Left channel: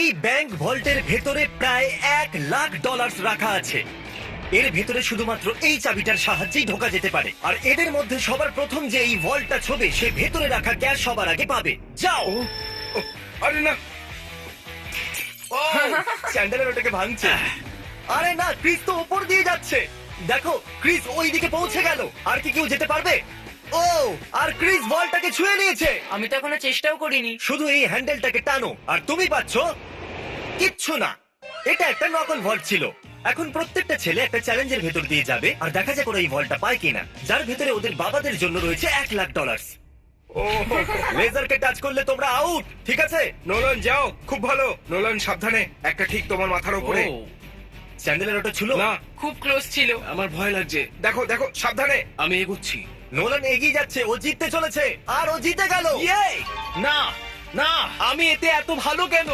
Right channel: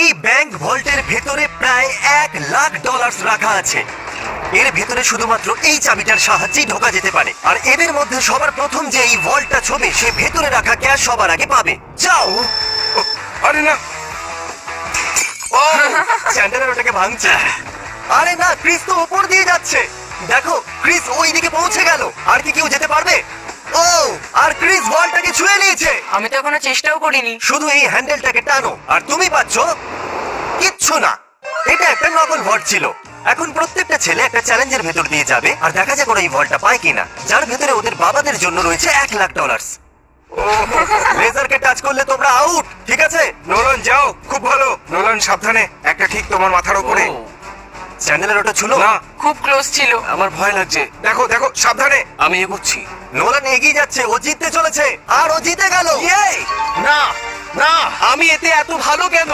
এই ব্যাংক ভল্টের ভেতরে প্রায় $1,00,000 রাখা আছে। এর ভেতরে শুধুমাত্র এই চাবিটার সাহায্যেই ঢোকা যেতে পারে, আর এদের মধ্যে সবার প্রথম যে এই ভল্টটা ছোবে সে ভেতরে রাখা ক্যাশ সবার আগে পাবে। যাও। আরে না, চ্যান্ডেলার ওটাকে ভাঙছে। আরে না, ক্রিস তো উপর দিয়ে যাচ্ছে। দেখো, ক্রিস ওই দিকে পৌঁছে গেল। আর কি কেউ যেতে পারবে? ও, আর ক্রিস বলটাকে ছুঁয়ে নিয়েছে। আমি তো এখনো চেষ্টাও করিনি। শুধু এই হ্যান্ডেলটাকে টানো আর তুমি পাচ্ছ কিচ্ছু না। এটা একটা নকল ভল্ট ছিল। এখন প্রত্যেকটা ছেলে একটা চ্যালেঞ্জের ভেতর দিয়ে যাবে আর দেখা যাক ওরা এই ভল্টটা পায় কিনা, যার ভেতরে ওদের বাবাদের জন্য রয়েছে $1,00,000। লেজারকে টাচ করলে তোমরা আউট, ঠিক আছে? নোলান যাও, খুব ভালো। নোলান সাবধানে, একটা ঠিক তোমার মাথার উপরে। চ্যান্ডেলার ওটা ছিল না, খুব ক্লোজ ছিল। আমার ভয় লাগছে। দেখো দেখো, সাবধানে। আমি এগোচ্ছি। নোলান এগিয়ে যাচ্ছে, ও জিততে চলেছে আর ও জিতে গেল। না না, আমি এতে এত ভালো কেন?